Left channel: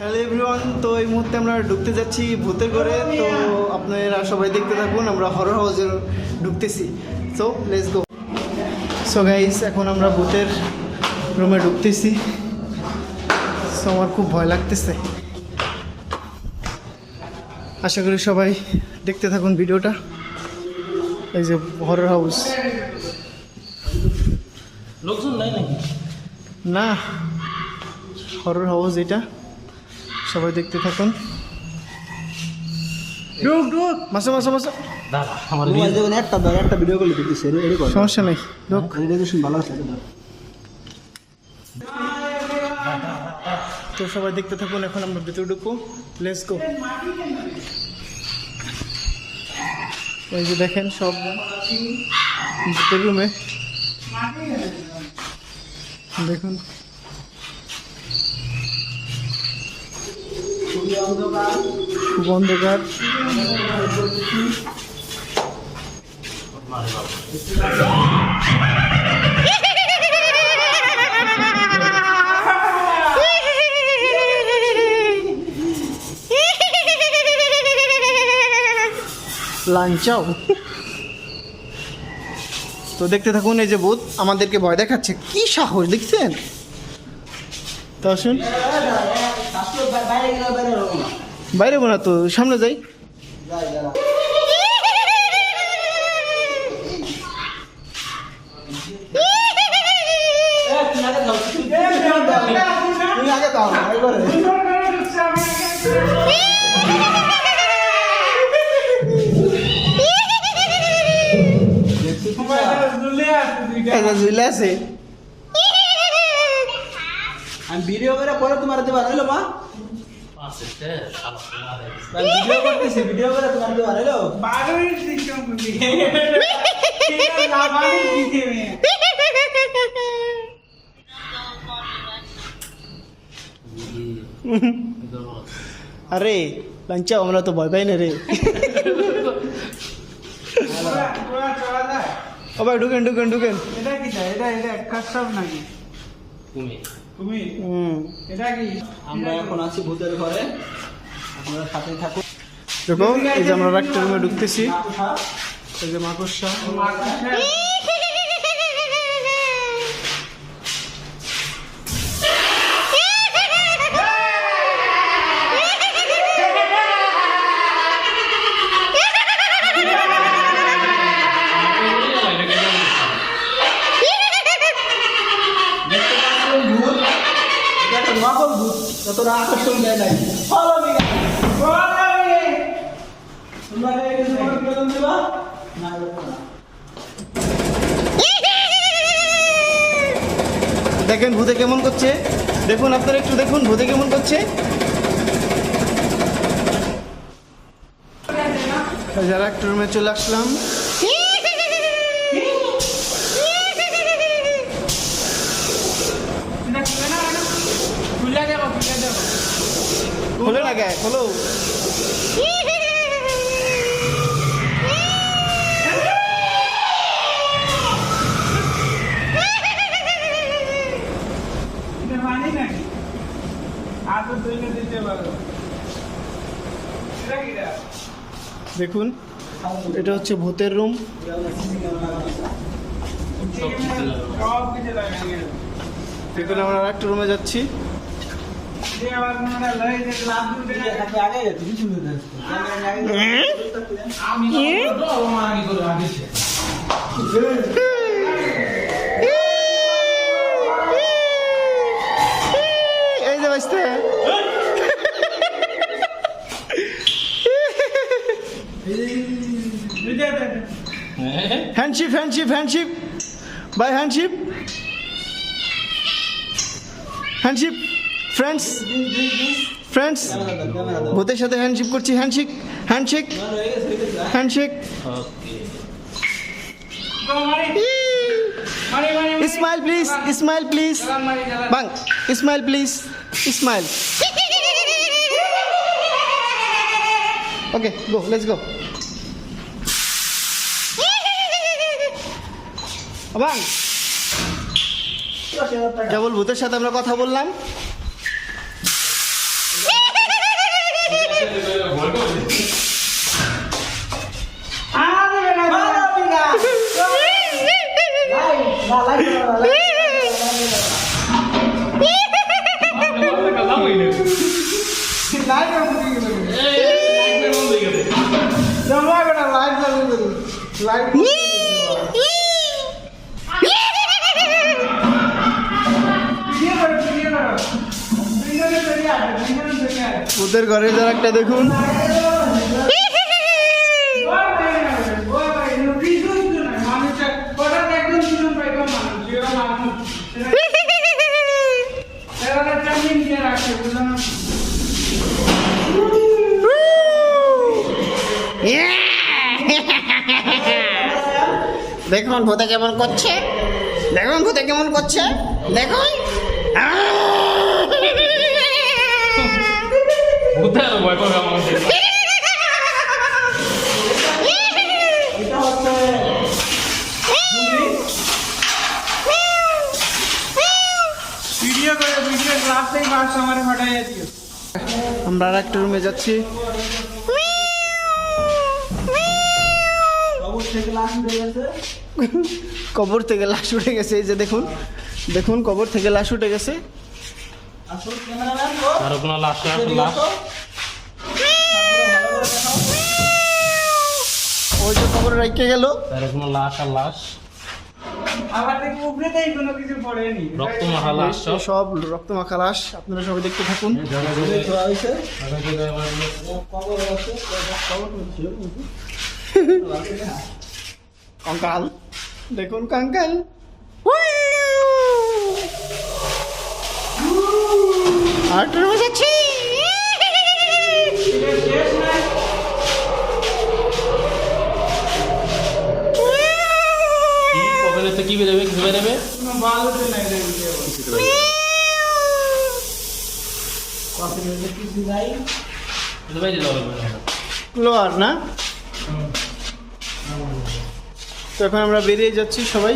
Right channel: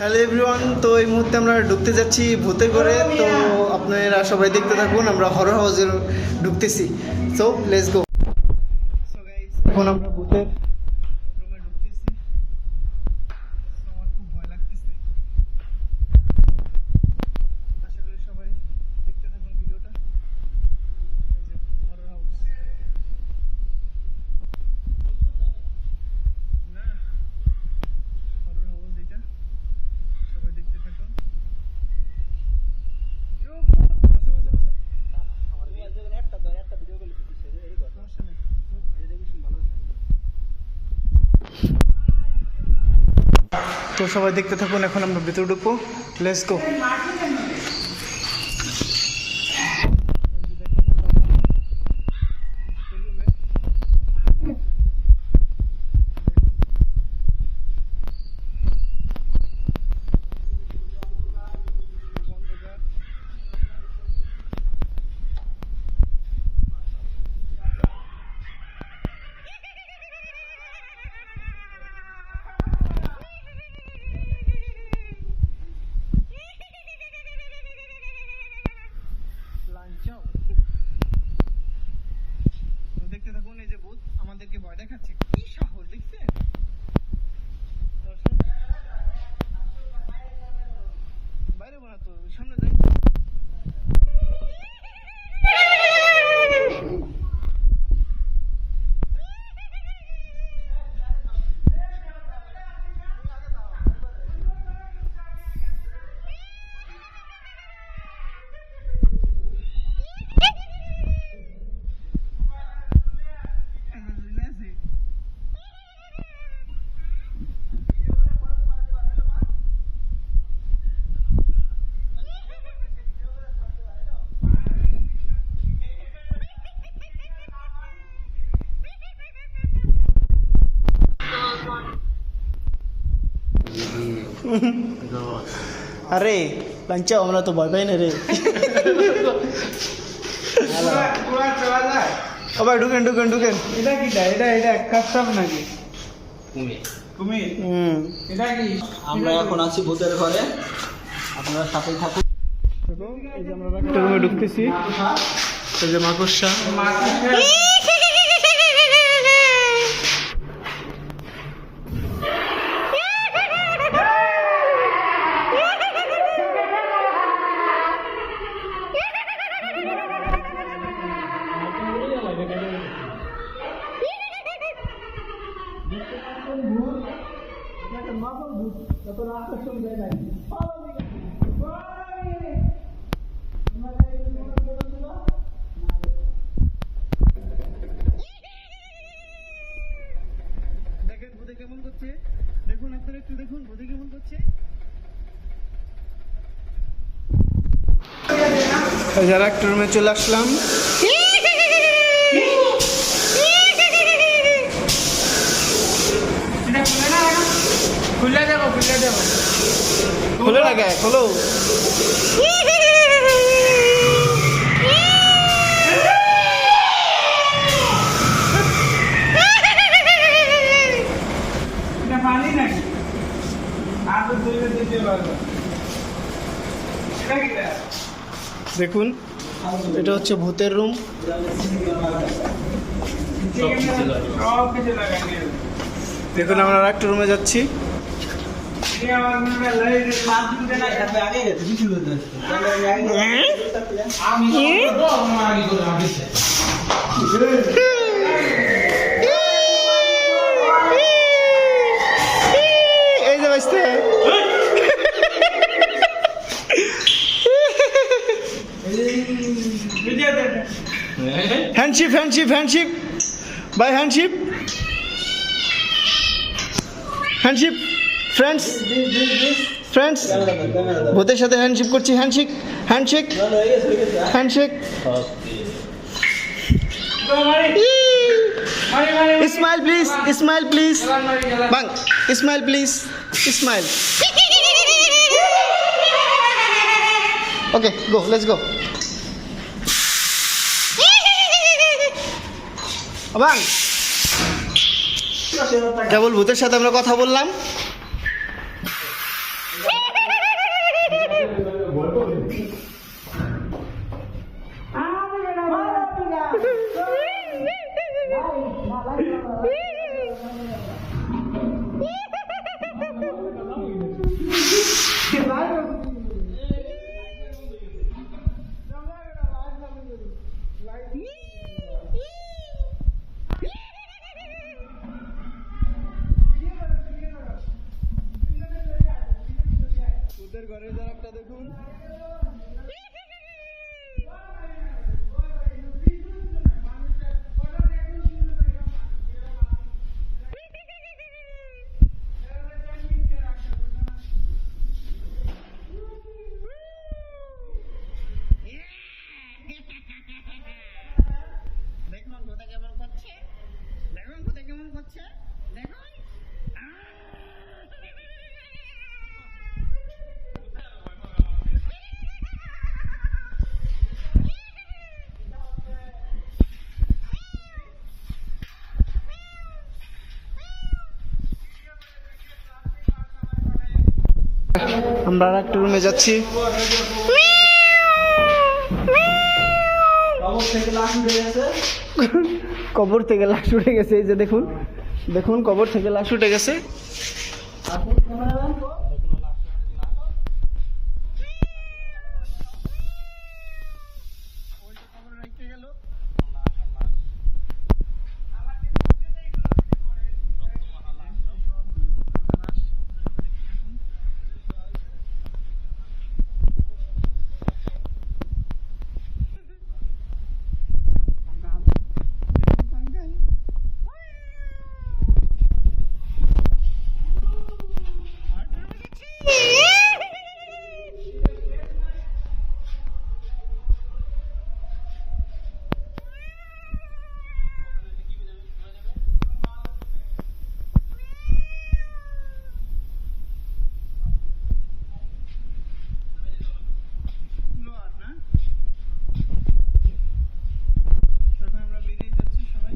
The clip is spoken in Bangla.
হ্যালো এভরিওয়ান, তো এই মুহূর্তে আমরা ঢুকতে যাচ্ছি ভূতে করে। তো আপনারা সবাই দেখতে থাকুন, আমরা হরর হাউসে ঢুকতেছি। So let's go. So guys, এখন আমরা ভূতের রুমে ঢুকতেছি। সো আমার খুব ভয় লাগতেছে। আশা করি সবাই দেখতে থাকুন ভিডিওটা। এই যে হরর হাউস। লোকজন নাই নাকি? না, হরর হাউস এটা। সবাই দেখতে থাকুন। ঢুক ঢুক, মাসো মাসো মাসো। দাঁড়া, আমার একটা ভিডিও কল দিতেছে এরকম সমস্যা নেই, ঢুক। রেডিয়েশন ভালো আছে। তো সবাই দেখতে থাকুন, এখন আমরা ভিতরে ঢুকবো। Let's go. এই যে দেখেন সব ভূতের রুমে দেখুন। খুব অন্ধকার। লাঞ্চাও। তো দেখতে থাকুন। এই যে ভূত আমাদেরকে ভয় দেখাচ্ছে, কি সাহস দেখছেন? তো আসুন, বাইরে বোনা তো সামনে যাই। ঝুলে আছে। আমি ভিডিও করে পরে তোমার দিতে পারলো মা। ভিডিও করতেছি, ভিডিও করে তোমার দিতে পারলো। আরে লাঞ্চা, আমরা তো ভয় পাই না রে। আবার ঢুকেন ঢুকেন ঢুকেন। এটা কি এটা কাস্টম নাকি কুমির এটা কি? আমরা এখন আছি ভূতের ঘরে, আপনারা সাথেই থাকুন। দেখো, এই যে আমরা একটা রুমে ঢুকতেছি। এই যে মাকড়সা। যতটা আকর্ষণ দেয় নাই। দেখেন ভূতে কেমন করছে, দেখুন আপনারা একটু দেখুন ভূতে কেমন করছে। যারা একটা রুমে চলে আসলাম। খুলে দেবো খোলো না গায়ে, খোলো। এটা পানি নাকি? আর তো তুলে দিতে পারবো। এটা কি? দেখুন, এটা হচ্ছে ভূতের রুম। সব কিছু লাগাই। দেখুন, আমরা একটা রুমে যাচ্ছি। আগে গেছে কিছু আমি এই যে বাঁচতে handshake handshake handshake by handshake handshake friends friends ভূতের সাথে হ্যান্ডশিপ করছি। Handshake handshake handshake. Smile please, smile please. Bang, smile please, smile. Okay, go, let's go. Bang, কেবল ভূতের সাথে আমরা কথা বললাম। ভূতের ঘরের যার একটা দেখুন। দেখুন ভূতে কেমন করছে, দেখুন ভূতে কেমন করছে, দেখুন। ভূতের ভয় পাবে আমাদের। ভিডিও করে ভিডিও ক্লাস থেকে বাস আমারে ফাটাইয়া দিও। আমরা আর একটা রুমে যাচ্ছি। কবর থেকে লাশ উঠে গেছে, এই যে দেখুন, দেখুন কবর থেকে লাশ উঠে গেছে। আরো কোনো লাশ লাশ ওই যে কবরে রেখে গেল। আরো কোনো লাশ আর লাশ, আবার দেখি উপরেতেই কোনো কিছু পড়েনি। রক্ত মাখা লাশ সব। সব রক্ত মাখা লাশ, আপনারা সবাই দেখতে থাকুন। কঙ্কাল, দেখুন কঙ্কাল। আর রুমে যাচ্ছি। কবে তো কি বেরোবে, কি বেরোবে? কোনো বালুতে নাই রে ভিডিও। এটা বাইরে যাবে লোয়ার না, তো এখন আমরা বেরিয়ে যাচ্ছি সবাই।